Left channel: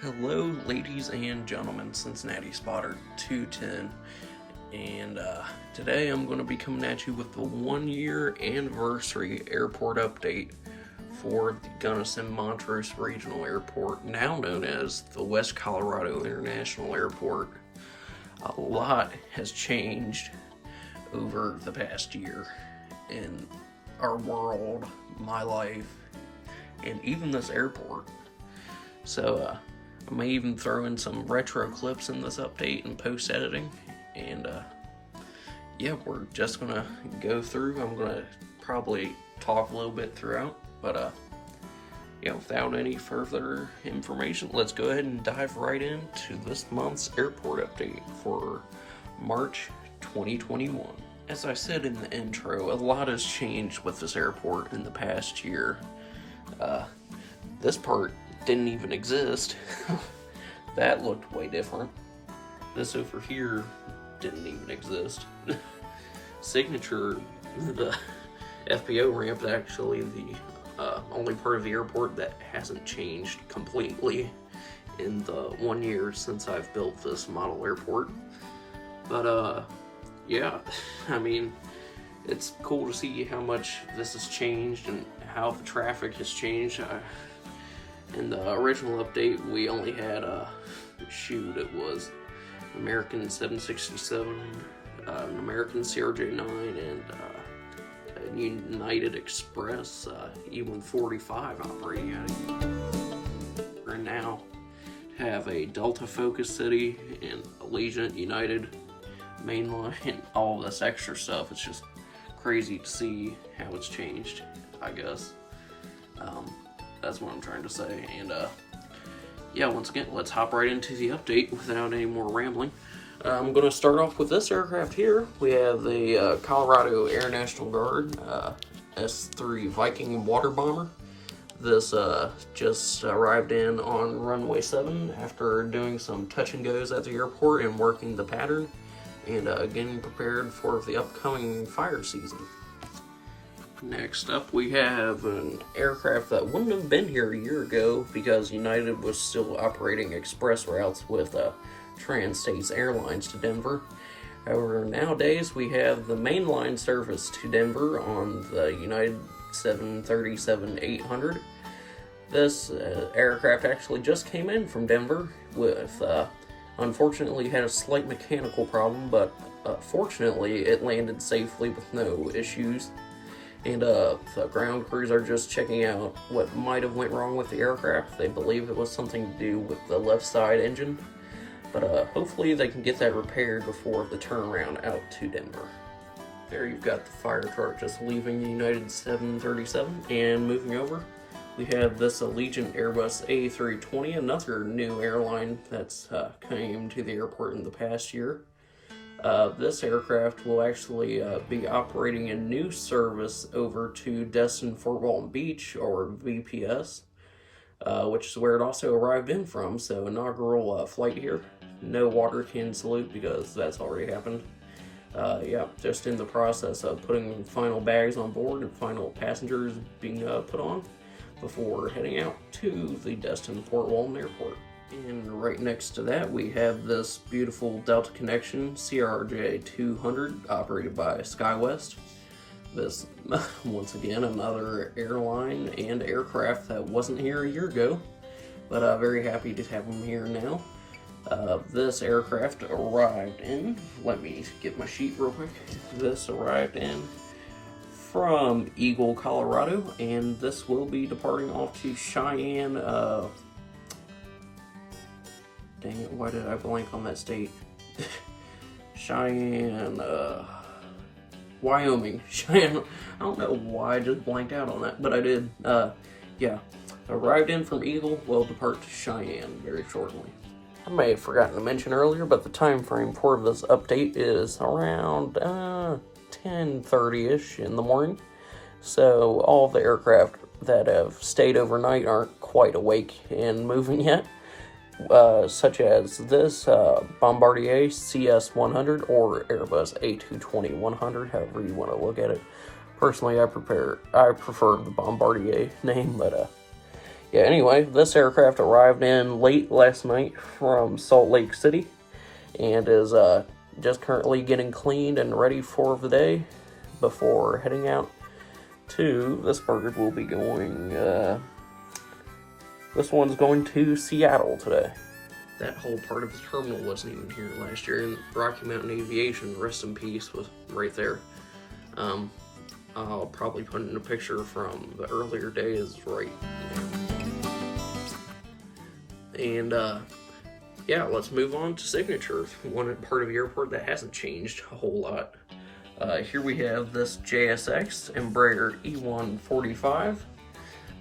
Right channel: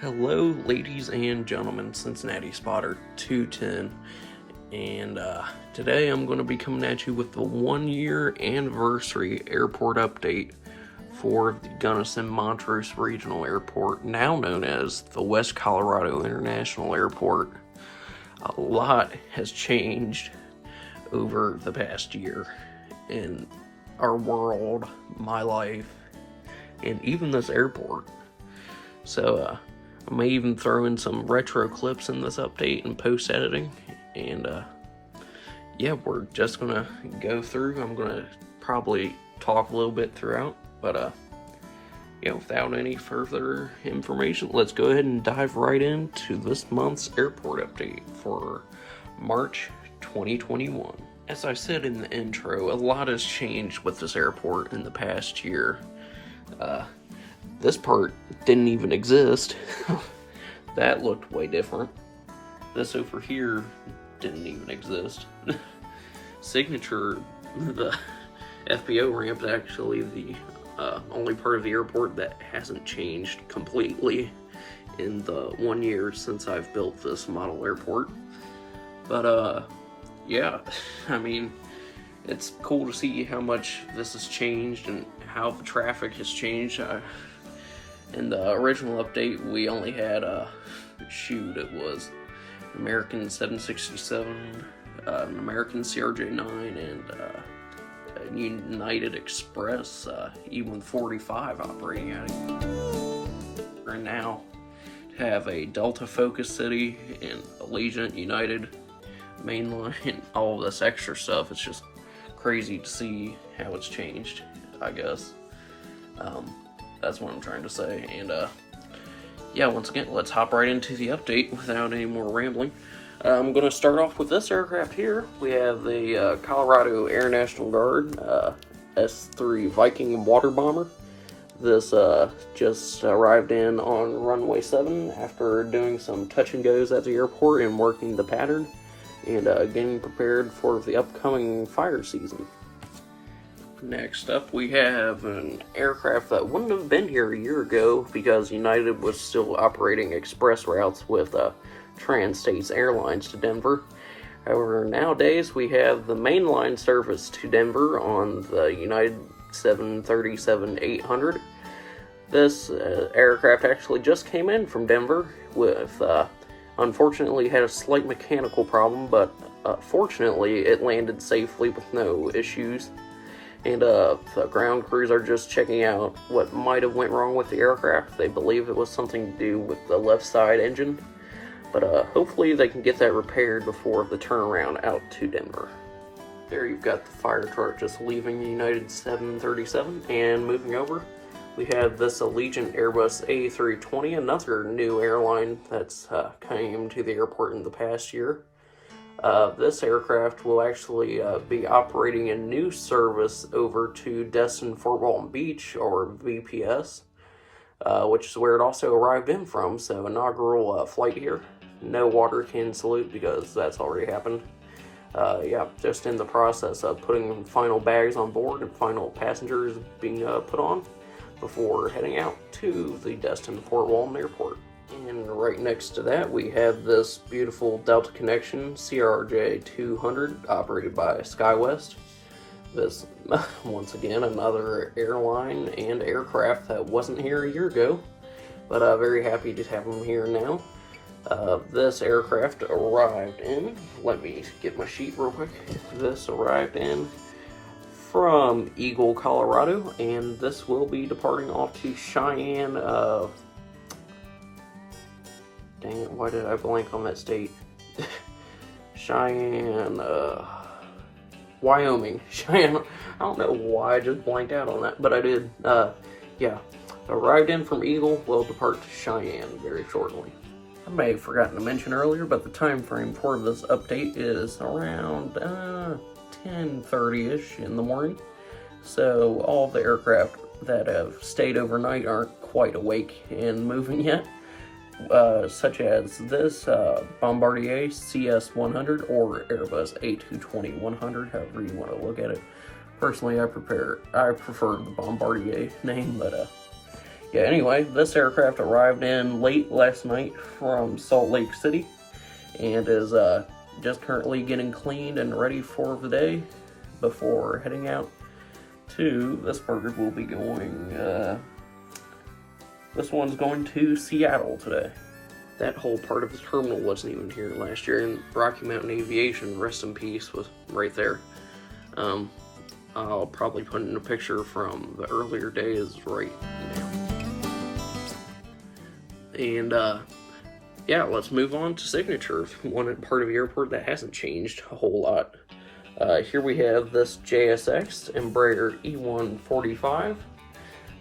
Hello, ladies and gentlemen, Cincinnati Spotter 210, and today I'm going to be coming at you with the 1-year anniversary airport update for the Gunnison Montrose Regional Airport, now known as the West Colorado International Airport. A lot has changed over the past year in our world, my life, and even this airport. So, I may even throw in some retro clips in this update and post-editing, and yeah, we're just gonna go through. I'm gonna probably talk a little bit throughout, but yeah, without any further information, let's go ahead and dive right into this month's airport update for March 2021. As I said in the intro, a lot has changed with this airport in the past year. This part didn't even exist. That looked way different. This over here didn't even exist. Signature, the FBO ramp, is actually the only part of the airport that hasn't changed completely in the 1 year since I've built this model airport. But yeah, I mean, it's cool to see how much this has changed and how the traffic has changed. In the original update, we only had it was an American 767, an American CRJ-9, and a United Express E-145 operating at it. Right now, have a Delta Focus City and Allegiant, United, Mainline, and all of this extra stuff. It's just crazy to see how it's changed, I guess. That's what I'm trying to say, and yeah, once again, let's hop right into the update without any more rambling. I'm going to start off with this aircraft here. We have the Colorado Air National Guard S-3 Viking water bomber. This just arrived in on runway 7 after doing some touch and goes at the airport and working the pattern, and getting prepared for the upcoming fire season. Next up, we have an aircraft that wouldn't have been here a year ago because United was still operating express routes with Trans-States Airlines to Denver. However, nowadays we have the mainline service to Denver on the United 737-800. This aircraft actually just came in from Denver with, unfortunately, had a slight mechanical problem, but fortunately it landed safely with no issues. And the ground crews are just checking out what might have went wrong with the aircraft. They believe it was something to do with the left side engine, but hopefully they can get that repaired before the turnaround out to Denver. There you've got the fire truck just leaving United 737 and moving over. We have this Allegiant Airbus A320, another new airline that's came to the airport in the past year. This aircraft will actually be operating a new service over to Destin Fort Walton Beach, or VPS, which is where it also arrived in from. So inaugural flight here. No water can salute because that's already happened. Yeah, just in the process of putting final bags on board and final passengers being put on before heading out to the Destin Fort Walton Airport. And right next to that, we have this beautiful Delta Connection CRJ-200 operated by Skywest. This, once again, another airline and aircraft that wasn't here a year ago, but very happy to have them here now. This aircraft arrived in, let me get my sheet real quick. This arrived in from Eagle, Colorado, and this will be departing off to Cheyenne, dang it, why did I blank on that state? Cheyenne, Wyoming. Cheyenne, I don't know why I just blanked out on that, but I did. Yeah, arrived in from Eagle, will depart to Cheyenne very shortly. I may have forgotten to mention earlier, but the time frame for this update is around 10:30ish in the morning. So all of the aircraft that have stayed overnight aren't quite awake and moving yet. Such as this Bombardier CS100 or Airbus A220-100, however you want to look at it. Personally, I prefer the Bombardier name, but Yeah, anyway, this aircraft arrived in late last night from Salt Lake City and is just currently getting cleaned and ready for the day before heading out to, this bird will be going, this one's going to Seattle today. That whole part of the terminal wasn't even here last year, and Rocky Mountain Aviation, rest in peace, was right there. I'll probably put in a picture from the earlier days right here. And yeah, let's move on to Signature, one part of the airport that hasn't changed a whole lot. Here we have this JSX Embraer E145.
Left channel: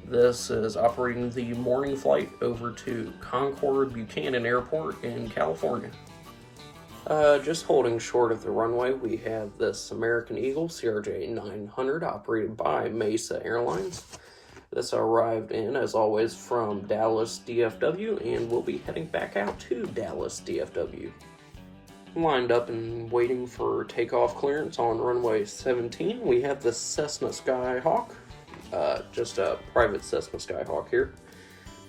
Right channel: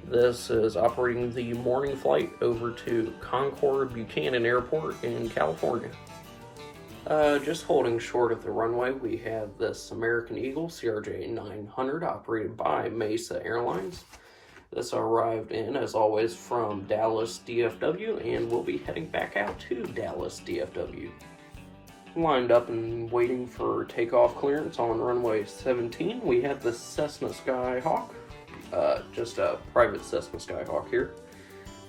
This is operating the morning flight over to Concord Buchanan Airport in California. Just holding short of the runway, we have this American Eagle CRJ 900 operated by Mesa Airlines. This arrived in, as always, from Dallas DFW and will be heading back out to Dallas DFW. Lined up and waiting for takeoff clearance on runway 17, we have the Cessna Skyhawk. Just a private Cessna Skyhawk here.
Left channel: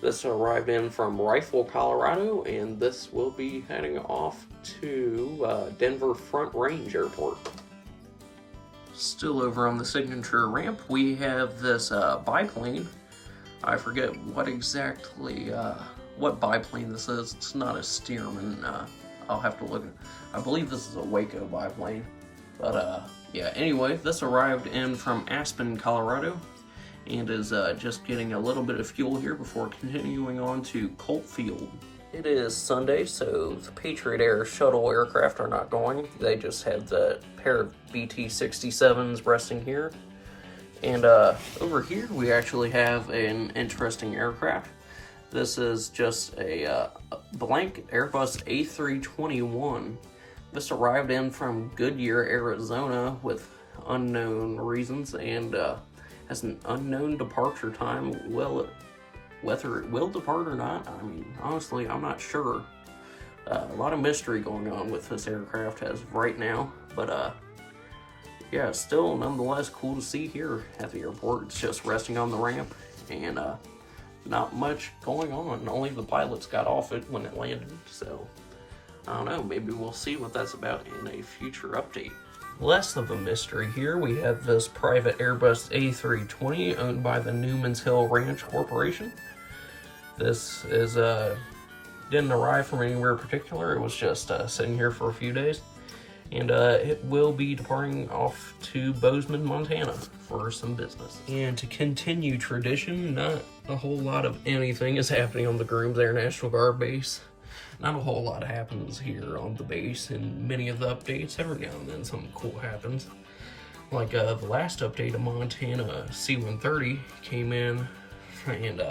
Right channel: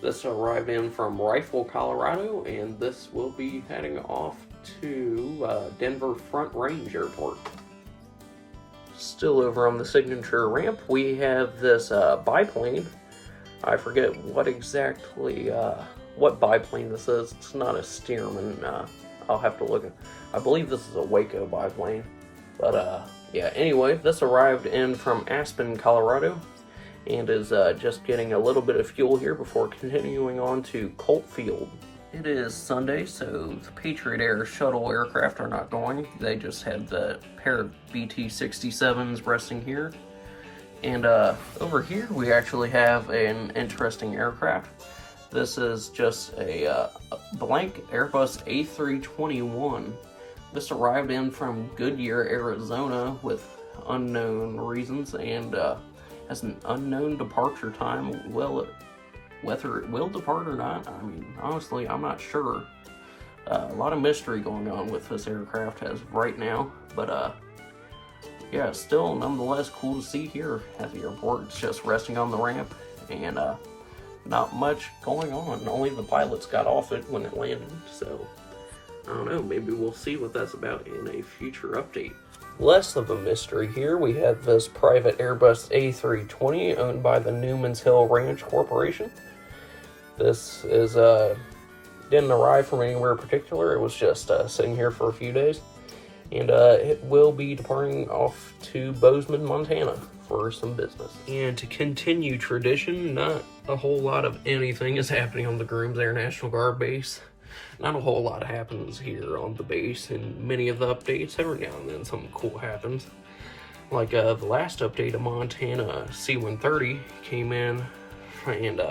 This arrived in from Rifle, Colorado, and this will be heading off to Denver Front Range Airport. Still over on the Signature ramp, we have this biplane. I forget what exactly, what biplane this is. It's not a Stearman. I'll have to look. I believe this is a Waco biplane. But yeah, anyway, this arrived in from Aspen, Colorado, and is just getting a little bit of fuel here before continuing on to Colt Field. It is Sunday, so the Patriot Air shuttle aircraft are not going. They just had the pair of BT-67s resting here. And over here we actually have an interesting aircraft. This is just a blank Airbus A321. This arrived in from Goodyear, Arizona with unknown reasons and has an unknown departure time. Whether it will depart or not, I mean, honestly, I'm not sure. A lot of mystery going on with this aircraft as of right now, but yeah, still nonetheless cool to see here at the airport. It's just resting on the ramp and not much going on. Only the pilots got off it when it landed, so I don't know, maybe we'll see what that's about in a future update. Less of a mystery here, we have this private Airbus A320 owned by the Newman's Hill Ranch Corporation. This is didn't arrive from anywhere particular. It was just sitting here for a few days, and it will be departing off to Bozeman, Montana for some business. And to continue tradition, not a whole lot of anything is happening on the Grooms Air National Guard base. Not a whole lot happens here on the base in many of the updates. Every now and then something cool happens. Like the last update of Montana C-130 came in and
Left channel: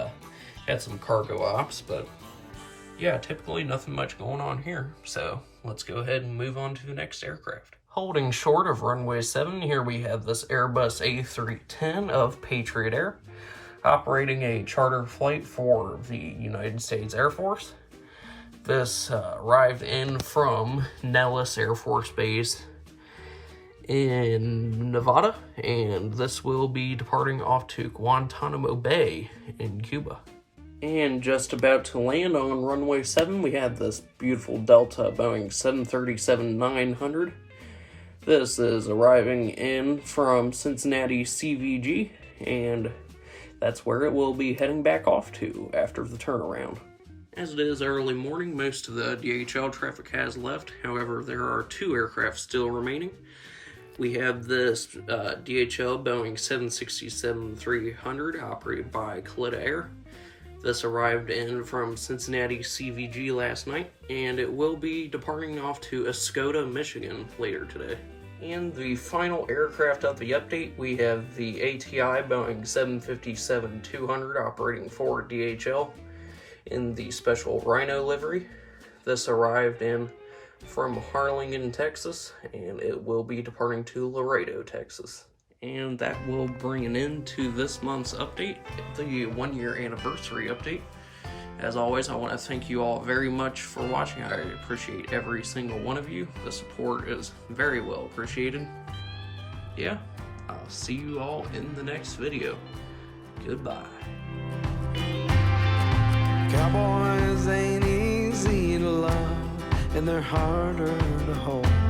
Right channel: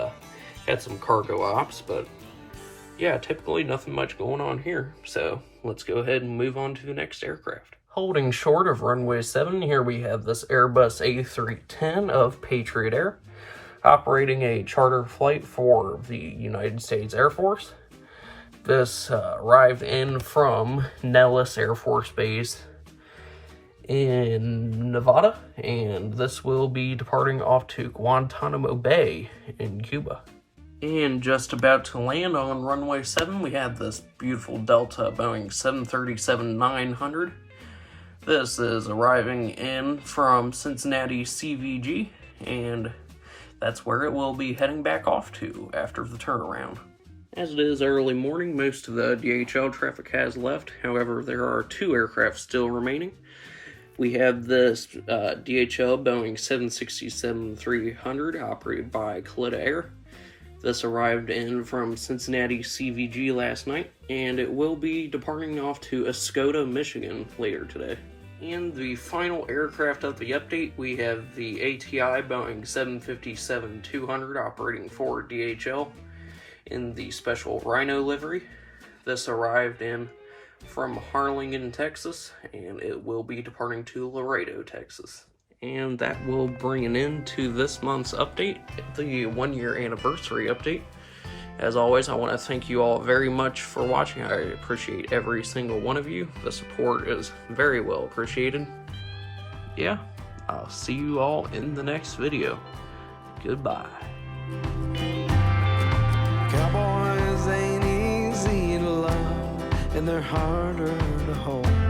had some cargo ops, but yeah, typically nothing much going on here. So let's go ahead and move on to the next aircraft. Holding short of runway 7, here we have this Airbus A310 of Patriot Air, operating a charter flight for the United States Air Force. This arrived in from Nellis Air Force Base in Nevada, and this will be departing off to Guantanamo Bay in Cuba. And just about to land on runway 7, we have this beautiful Delta Boeing 737-900. This is arriving in from Cincinnati CVG, and that's where it will be heading back off to after the turnaround. As it is early morning, most of the DHL traffic has left. However, there are 2 aircraft still remaining. We have this DHL Boeing 767-300 operated by Kalitta Air. This arrived in from Cincinnati CVG last night, and it will be departing off to Escoda, Michigan later today. And the final aircraft of the update, we have the ATI Boeing 757-200 operating for DHL in the special Rhino livery. This arrived in from Harlingen, Texas, and it will be departing to Laredo, Texas. And that will bring an end to this month's update, the 1-year anniversary update. As always, I want to thank you all very much for watching. I appreciate every single one of you. The support is very well appreciated. Yeah, I'll see you all in the next video. Goodbye. Cowboys ain't easy to love, and they're harder to hold.